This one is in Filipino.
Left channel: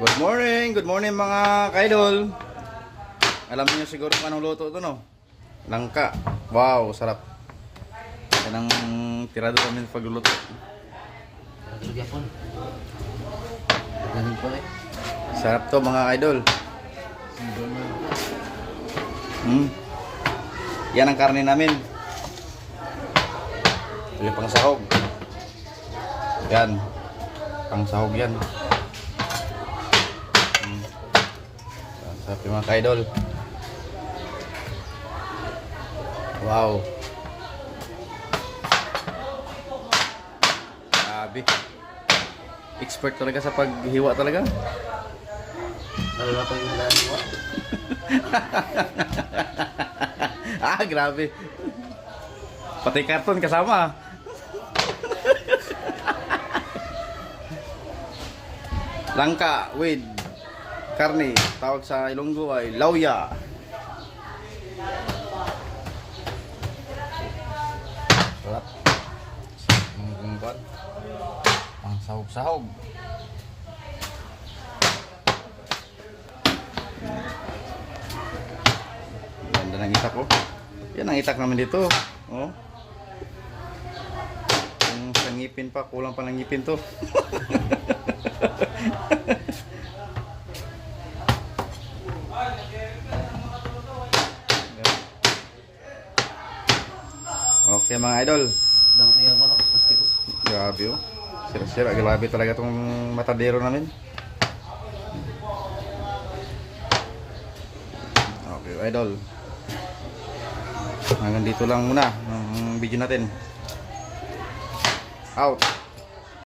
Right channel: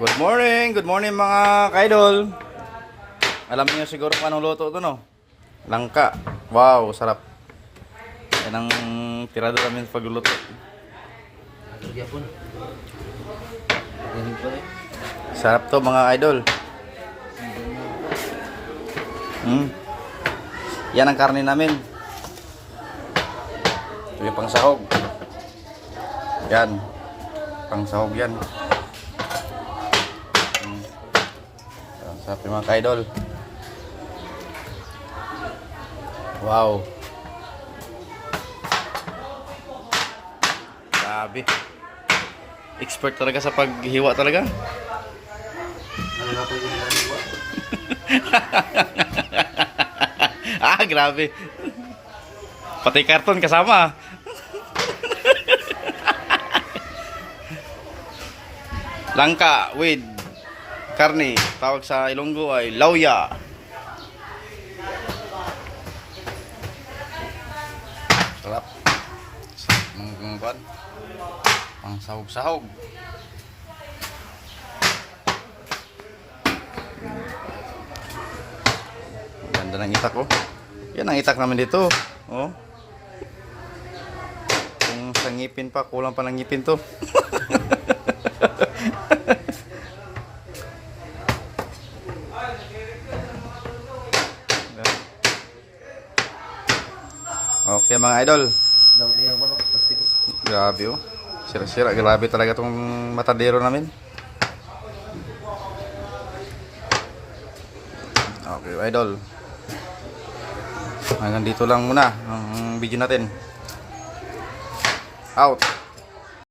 Good morning mga kaidol. Alam niyo siguro kung anong luto ito, no? Langka. Wow, sarap. Yan ang tirado namin pagluluto. Sarap to mga idol. Yan ang karne namin. Ito yung pangsahog. Yan. Pangsahog yan. Sarap yung mga kaidol. Wow. Grabe. Expert talaga sa paghiwa talaga. Ah, grabe. Pati karton kasama. Langka with karne. Tawag sa Ilonggo ay lauya. Sarap. Manggumbad. Ang sahog-sahog. Ganda ng itak, oh. Yan ang itak namin dito. Oh. Yung sa ngipin pa, kulang pa ng ngipin to. Okay mga idol. Grabe, oh. Sira-sira, grabe talaga tong matadero namin. Okay idol. Hanggang dito lang muna ang video natin. Out.